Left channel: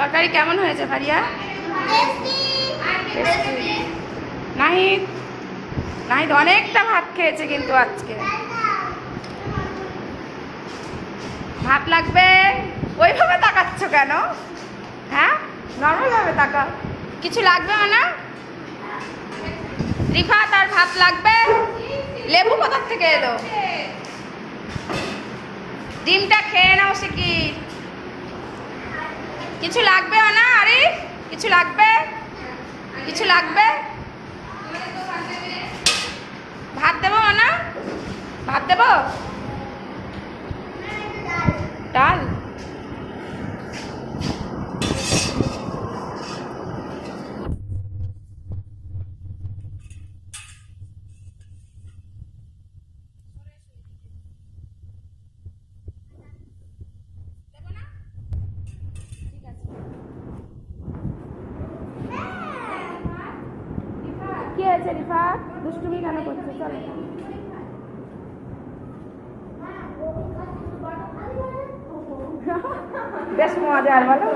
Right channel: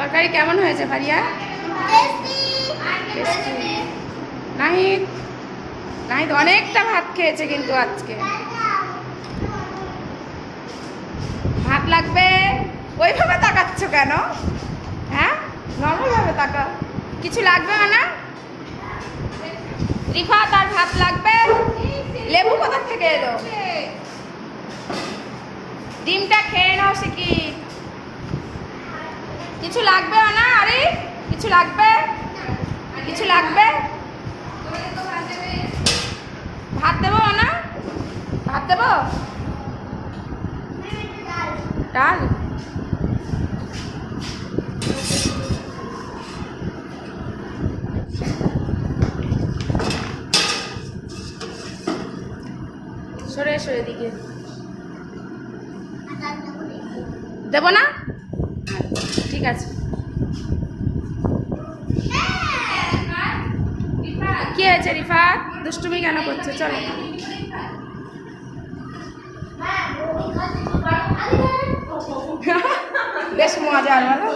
তরকারি কেমন হয়েছে ভারিয়া? নাহিদ নাহিদ অনেকটা ভাত খেয়েছে কিন্তু আজকে। ভাত লাগবে? ওইভাবে তাকাচ্ছ কেন? হ্যাঁ, নরমাল ভাবে তাকাও। কিছু লাগবে না? রিফাত আর ভাত লাগবে? লেবু কোথা থেকে এলো? ডিমটা খেয়ে নাও শিখি। কিছু লাগবে না? আরে কিছু লাগবে? কিছু লাগবে? ভাত দেবো না? ভাত দেবো? ডাল? সরে সরে দিকে দেবো না? ঠিক আছে। কি হয়েছে রিফাত? দুষ্টুমি কেন করছে? চলো। বেশ মজার বলো।